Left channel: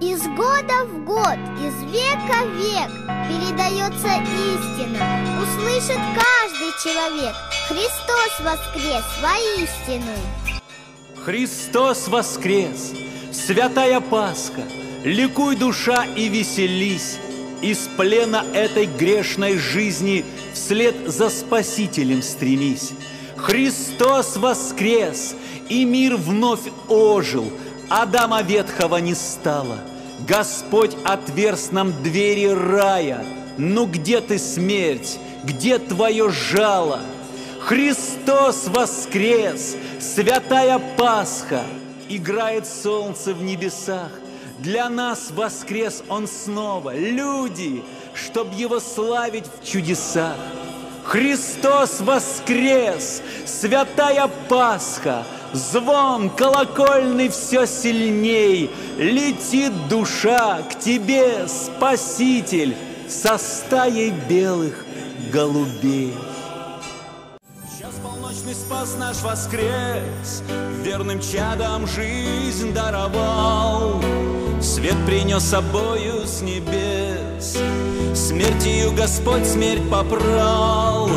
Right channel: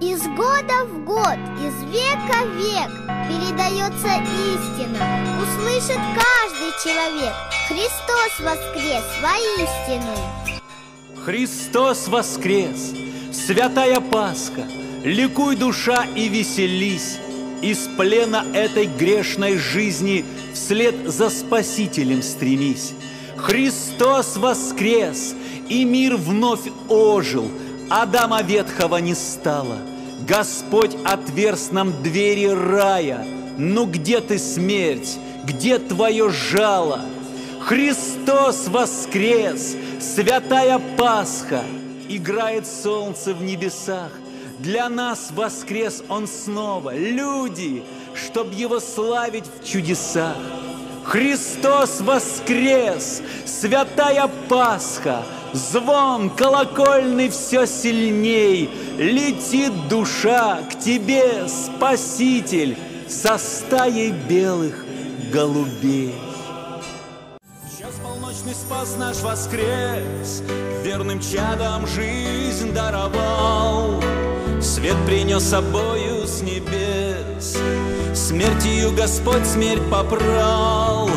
Из года в год, из века в век передается истина. Услышит каждый человек. Христос воскрес воистину. Христос воскрес, святая Пасха, ликуй душа и веселись. Из плена этой грешной жизни вслед за Спасителем стремись. Христос воскрес, и мир вновь ожил, Адама ветхого не стало. Господь отверз нам двери рая. Ну где ты, смерть? Где твое жало? Христос воскрес, святая Пасха, Играет солнце в небесах. Для нас воскрес Он снова, люди, Чтоб Его славить в чудесах. Христос воскрес, святая Пасха, Звон колокольный все сильней, Летит душа к тебе, Спаситель, Со стаей белых голубей. Час полночный спас наш воскрес, Верным чадом жизнь даровал, Свет принес собою с небес, Смертью Господь смерть попрал.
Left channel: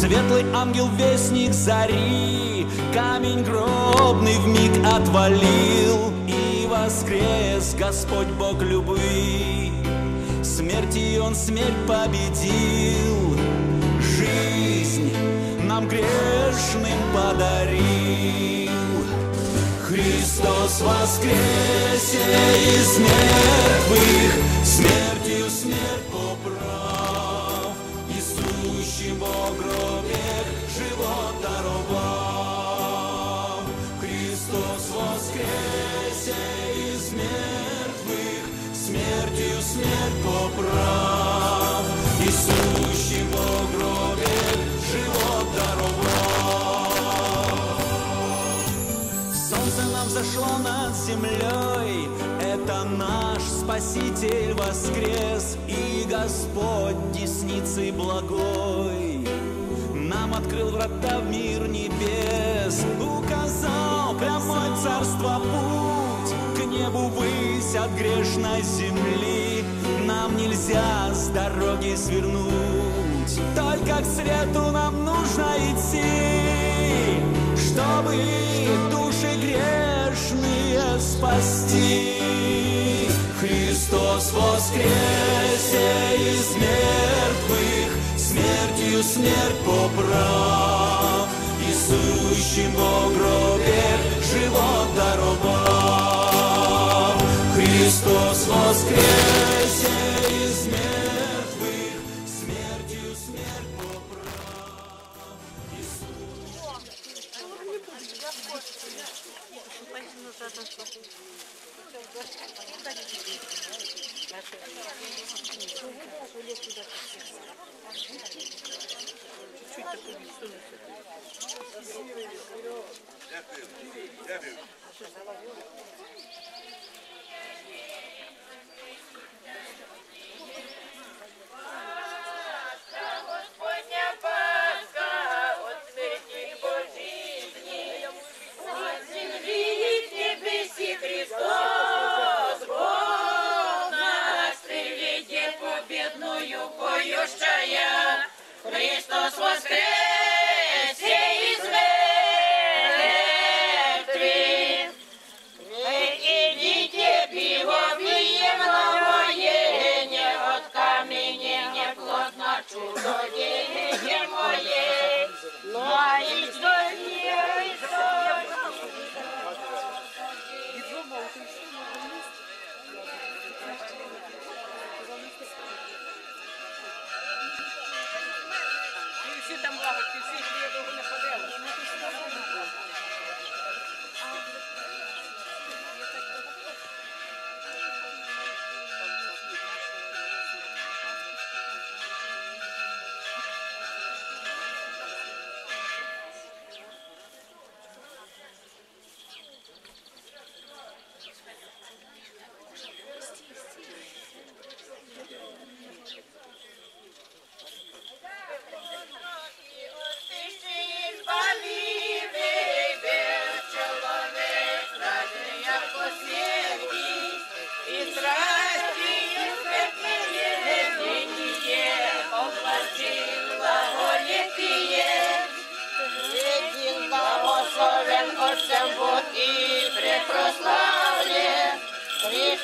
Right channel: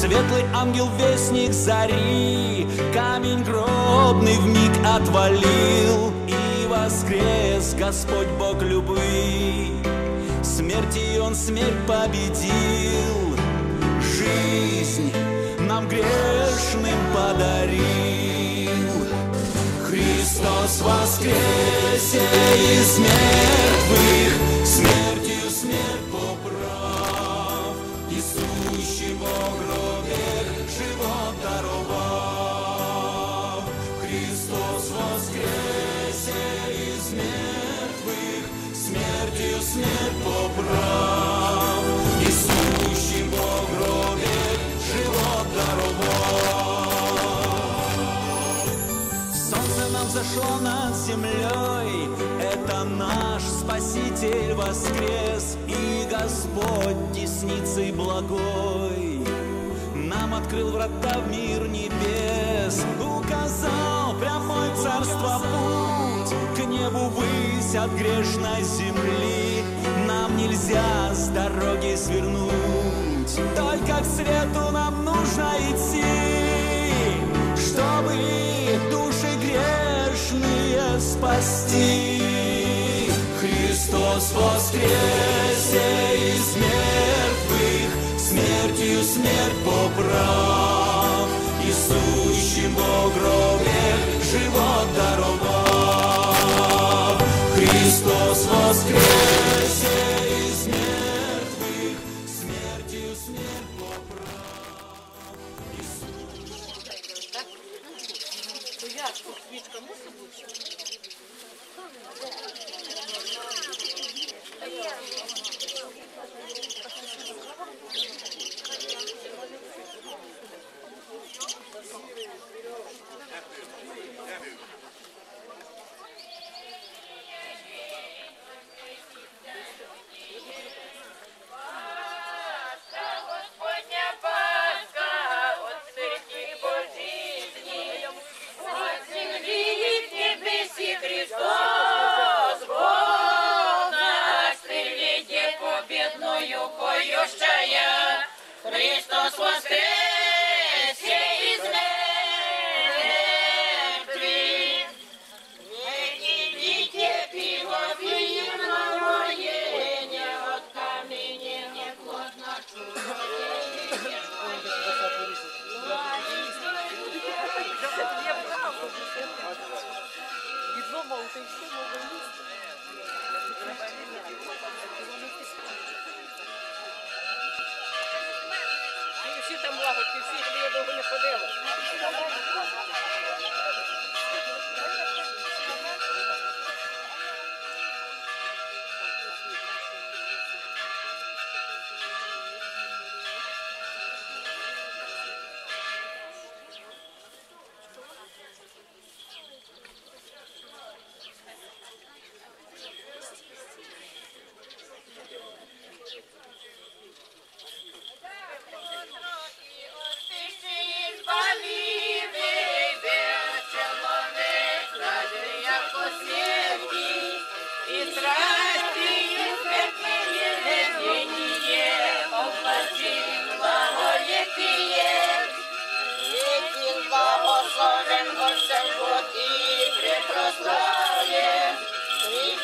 Светлый ангел-вестник зари Камень гробный в миг отвалил. И воскрес Господь Бог любви. Смерти он смерть победил. Жизнь нам грешным подарил. Христос воскресе из мертвых смерть сущим во гробе живот даровав Христос воскресе из мертвых Смертью смерть поправ. И сущим во гробе живот даровав Солнце нам зашло над землей, это наш Спаситель воскрес, и Господь десницей благой нам открыл врата в мир небес, указал прямой царство путь, к небу высь от грешной земли, нам нельзя с дороги свернуть, только к свету нам нужно идти, чтобы души грешные спасти. Христос воскресе из мертвых, смертью смерть поправ, и сущим во гробе живот даровав. Христос воскресе из мертвых, Христос воскресе из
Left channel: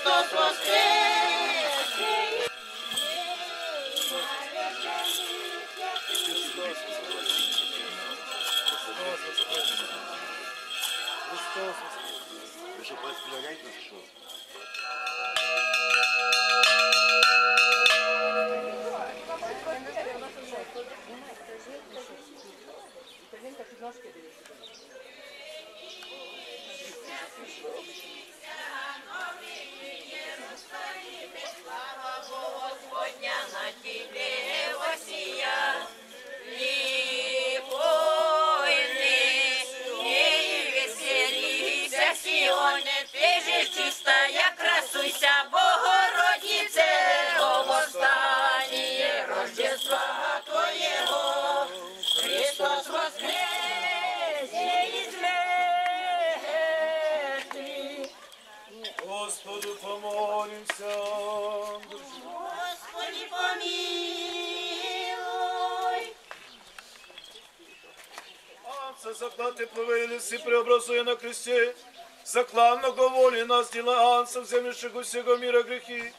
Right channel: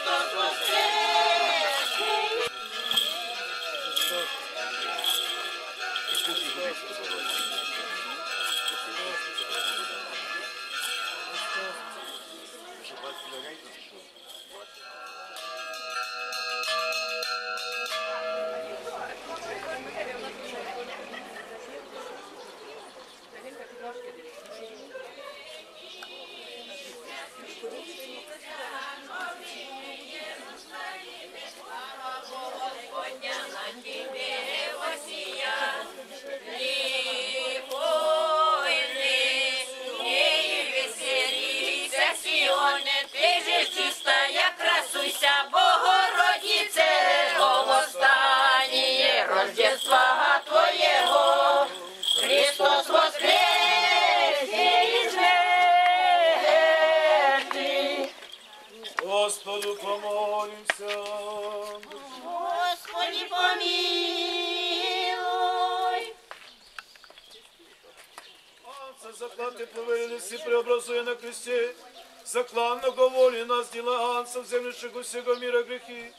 Христос воскресе! Рождества Твоего, Христос воскресе из мертвых. Господу помолимся. Господи, помилуй. Отце, заклад плавили всі преобразує на кресте, закланного волі нас діла Анса, вземлющих усього мира грехи,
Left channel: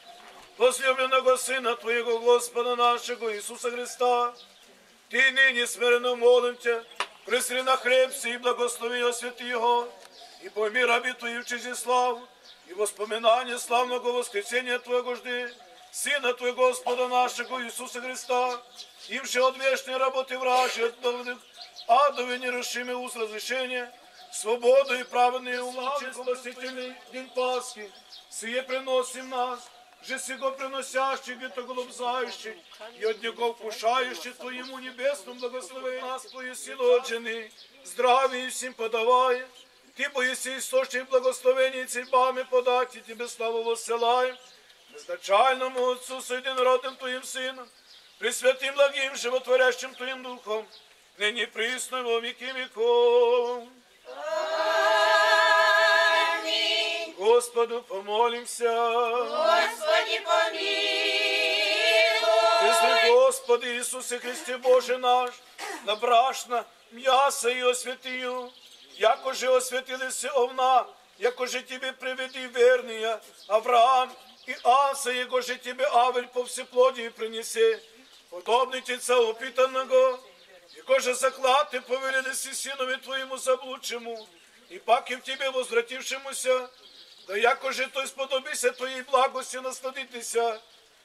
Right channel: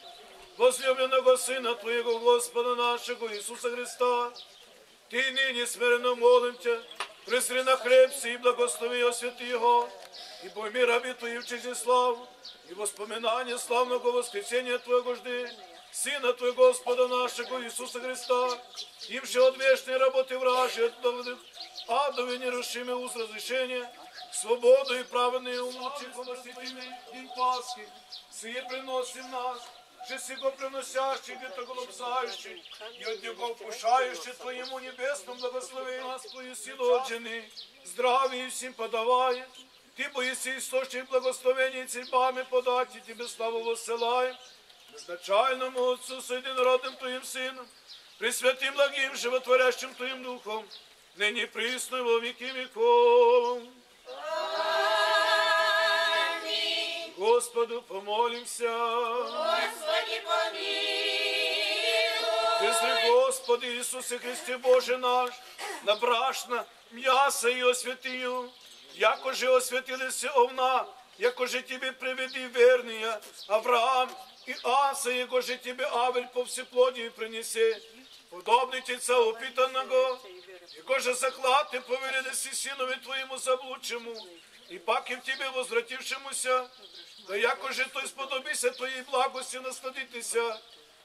возлюбленного Сина Твоего, Господа нашего Иисуса Христа, Ты ныне смиренно молим Тебя, присри на хлеб сей и благослови освяти Его, и пойми раби Твои в честь и славу, и воспоминание славного воскресения Твоего жди, Сына Твоего Господа нашего Иисуса Христа, им же от вечной работы вражи, от доводных адове нерушимый уз разрешения, свободу и праведные улучши, спасительный день Пасхи, сие приносим нас, же сего приносящий, где-то голубзающий, и от него вкушающий Твоему небесному благословению нас Твою силу от жены, здравие всем подавая, Ты боиси источник благословения и церьбами подать, и Тебе славу воссылаем, безначальному Отцу с единородным Твоим Сыном, Пресвятым благим животворящим Твоим Духом, ныне и присно и во веки веков. Аминь. Господу помолимся. Господи, помилуй. Пресвятой Господи Иисусе Христе Боже наш, набрашна м'яса і освятию, яко же освятилися овна, яко же Тебе приведи верния, Авраам и Аса, яко же Тебе Авель по всеплодии принесе, подобный Тица опитанного, яко же заклад Ты повелились сынове Твоему заблудшему, и пак и в Тебе возвратившемуся, да яко же той сподобися Твоей благости насладитися,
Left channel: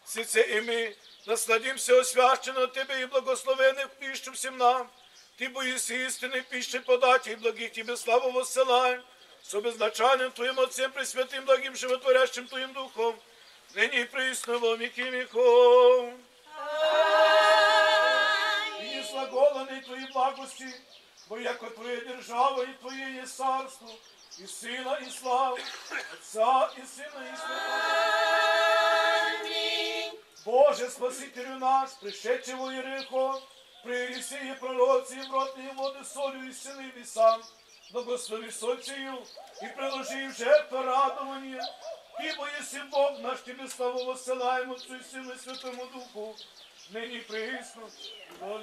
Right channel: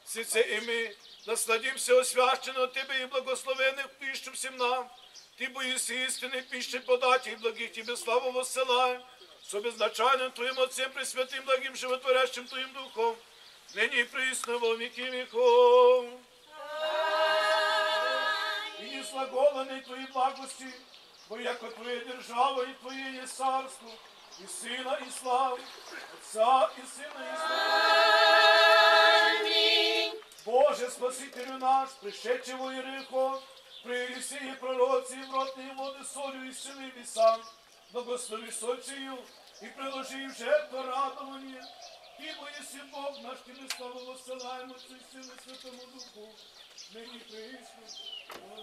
Сице и мы насладимся освященно от Тебе и благословенных пищу всем нам. Ты боишься истины пищи подать и благих Тебе славу воссылаем, со безначальным Твоим Отцем Пресвятым, благим животворящим Твоим Духом, ныне и присно во веки веков. И не слаголенный Твоей благости, бо яко Твоя держава и Твое есть царство, и Сына, и славы, Отца, и Сына, и Святого. Аминь. Боже, Спасителю наш, пришедший во Иерихон, при Елисеи пророці и в ротные воды солью и силами сам, благослови соль сию и приложи в жертву радование, ибо если Бог наш Тебе славу воссылаем Отцу и Сыну и Святому Духу, ныне и присно, во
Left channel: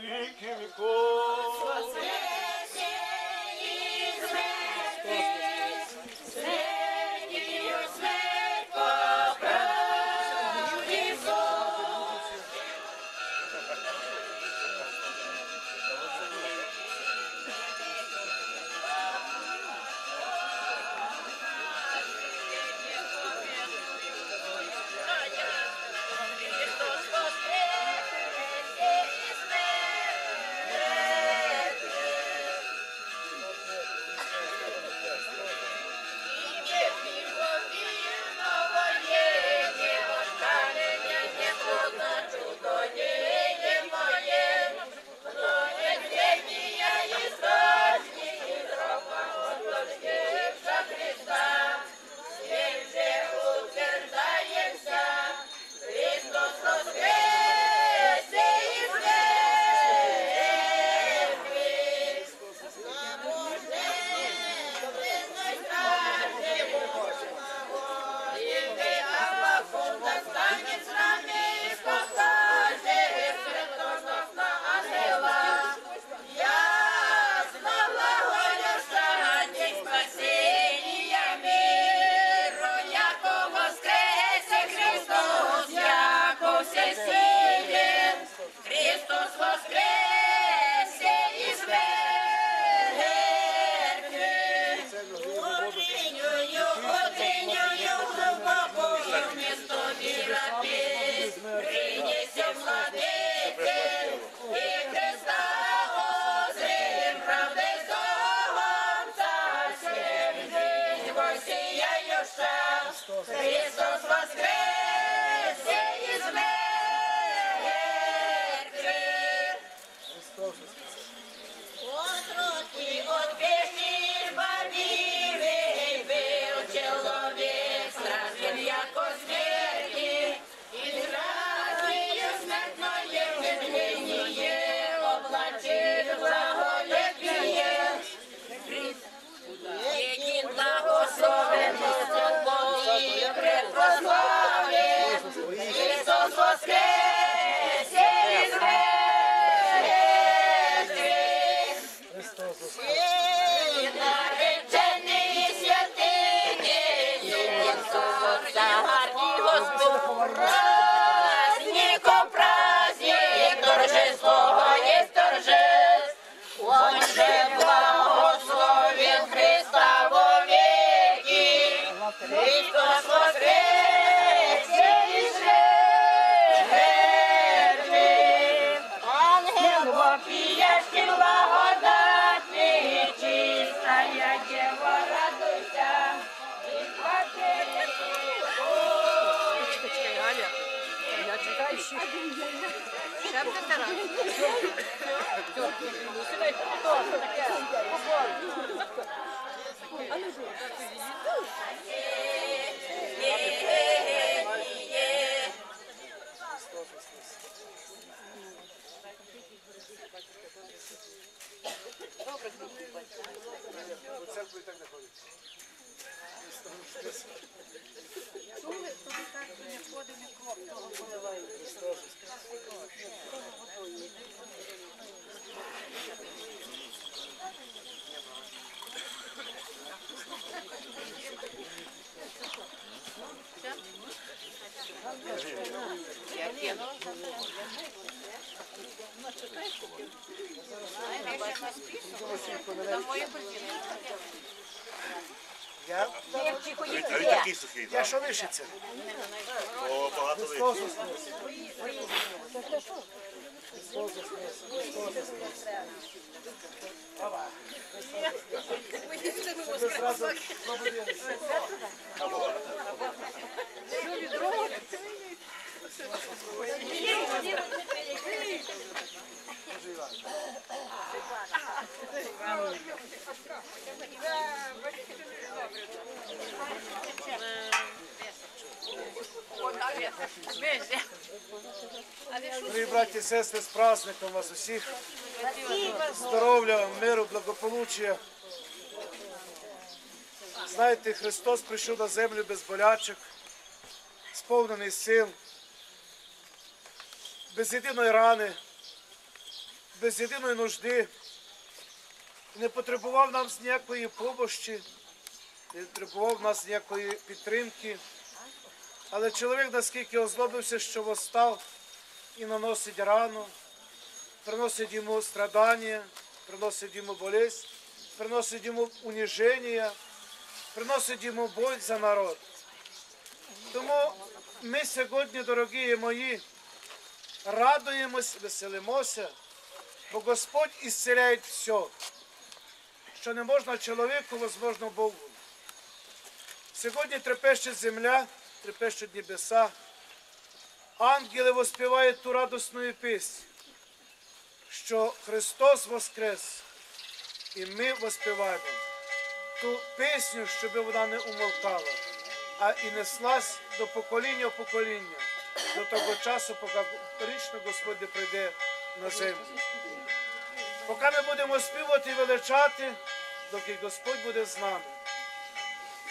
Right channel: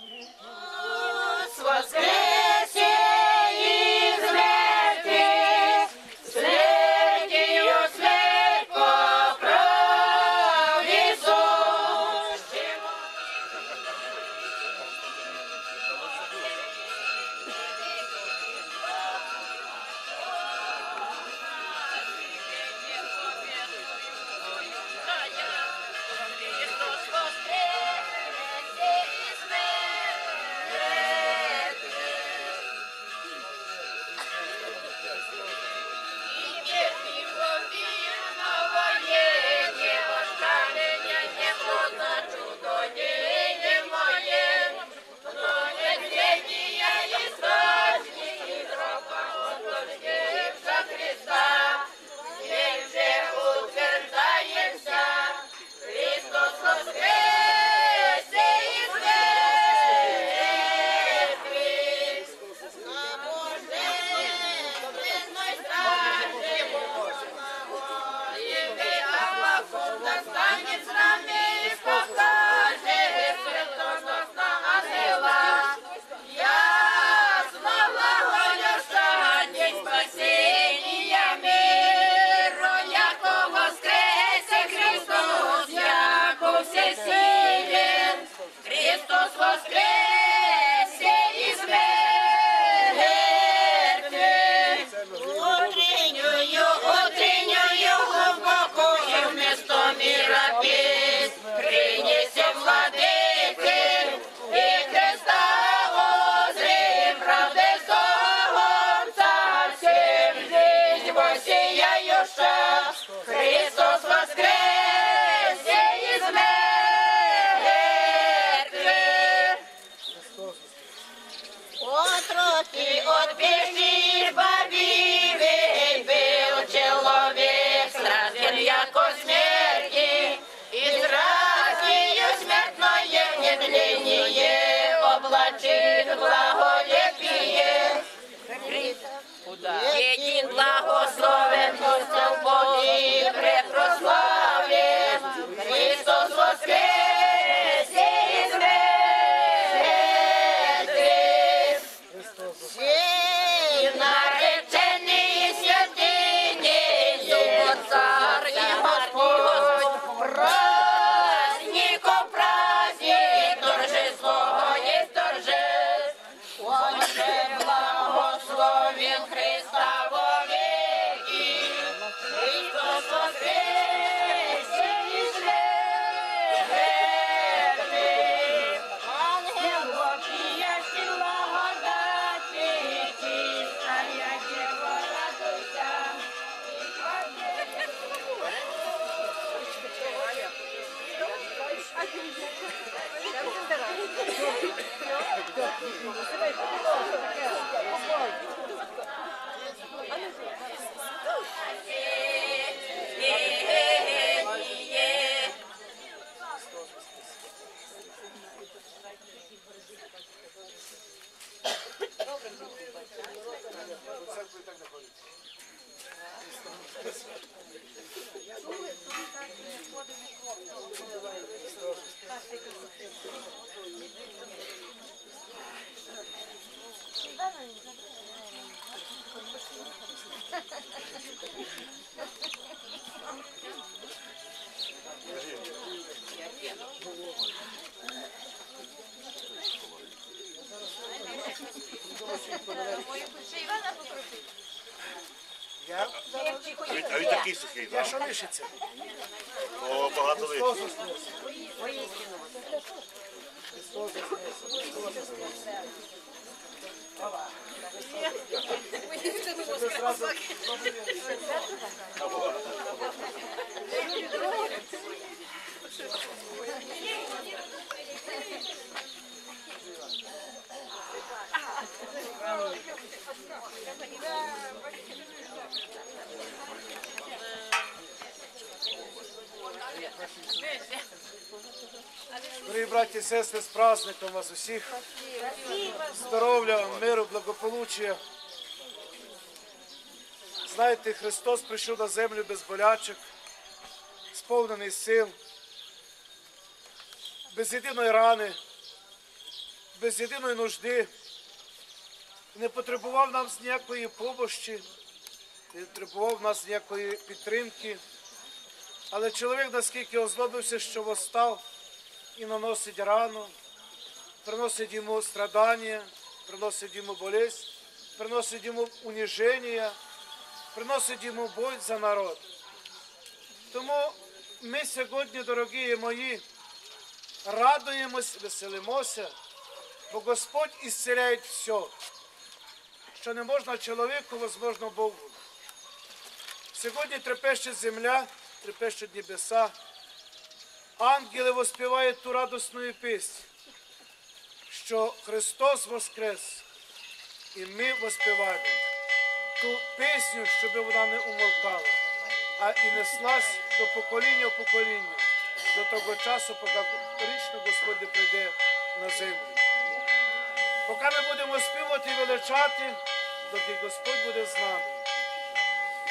Я? А він такий сухий, Я так? що лишиться? О, багато Христос лишить. воскрес! Христос воскрес! Христос воскрес! Щоб зразу добрий день. Дорогі браті і сестри, з праздником вас усіх. Здоров'я, миру, благополуччя. Знаєте, Христос прийшов на землю без болячок, сповнений сил, без єдиної рани, без єдиної нужди. Не потребував нам ніякої помощі, не потребував нас ніякої підтримки. Але чоловік наскільки озлобився, що восстав і наносить рану, приносить йому страдання, приносить йому болезнь, приносить йому уніження, приносить йому боль за народ. Тому ми сьогодні, дорогі мої, радуємось, веселимося, бо Господь ісцеляє все, що не можна чоловіку, возможно Богу. Сьогодні трепещить земля, трепещуть небеса. Ангели воспівають ту радісну пісню, що Христос воскрес, і ми воспіваємо ту пісню, щоб вона не умолкала, а і неслась до покоління в покоління, до того часу, поки річно Господь прийде на землю. Поки ми будемо співати і величати, доки Господь буде з нами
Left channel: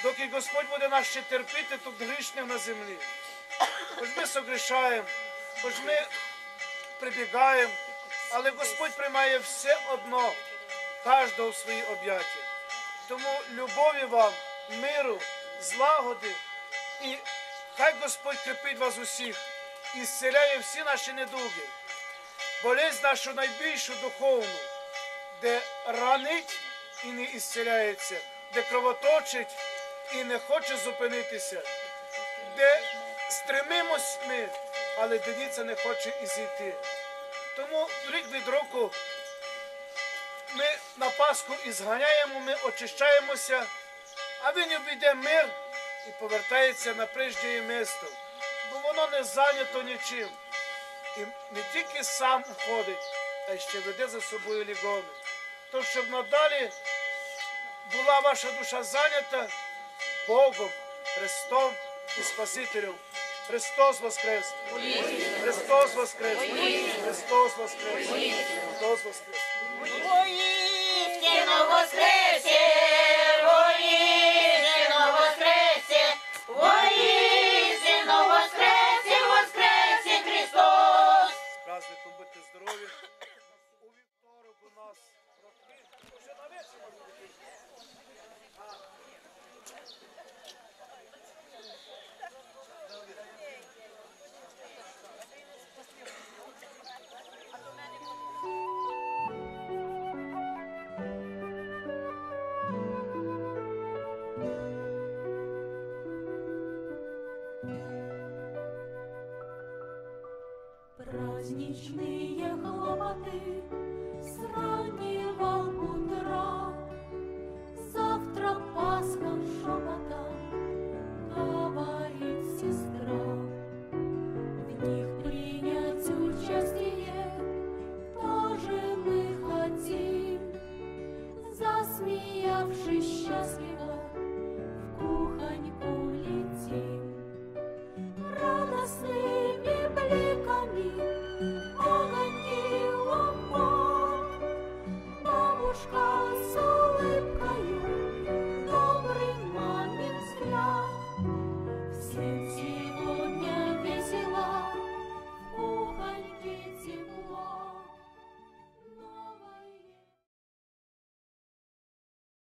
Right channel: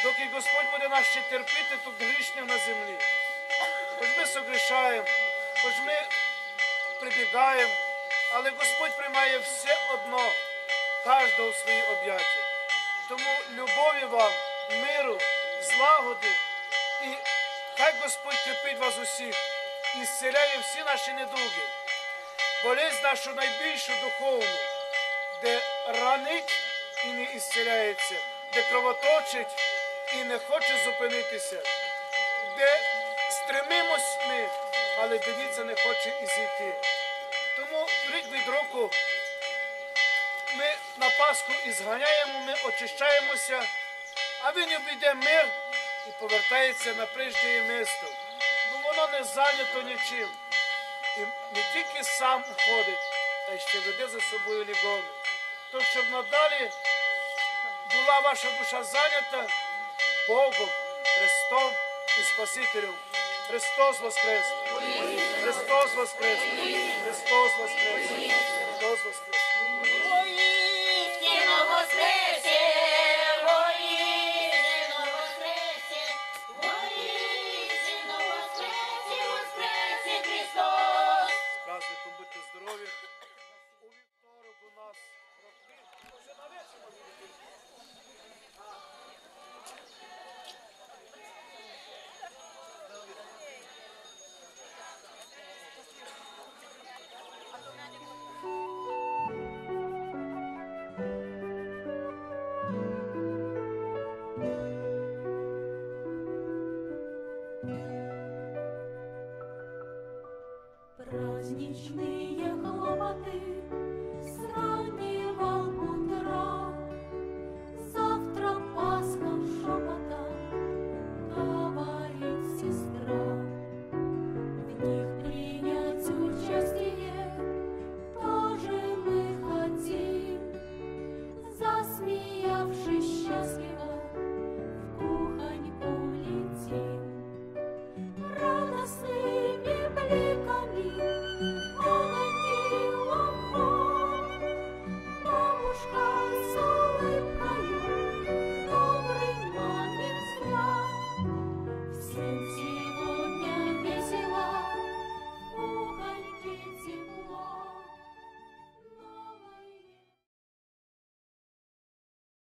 доки Господь буде нас ще терпіти тут грішних на землі. Хоч ми согрішаємо, хоч ми прибігаємо, але Господь приймає все одно, кожного в свої об'яття. Тому любові вам, миру, злагоди і хай Господь крепить вас усіх і зціляє всі наші недуги, болезнь нашу найбільшу духовну, де ранить і не ісцеляється, де кровоточить і не хоче зупинитися, де стремимось ми, але дивіться, не хоче і зійти. Тому рік від року ми на Пасху і зганяємо, ми очищаємося, а він обійде мир і повертається на прежнє місто, бо воно не зайнято нічим. І не тільки сам уходить, а ще веде за собою лігони. То, щоб надалі була ваша душа зайнята Богом, Христом і Спасителем. Христос Воскрес! Христос Воскрес! Христос Воскрес! Христос Воскрес! Воістину воскресе, воістину воскресе, воістину воскресе, воскресе Христос. Праздником будьте здорові. У вівторок у нас роки. Уже на вечір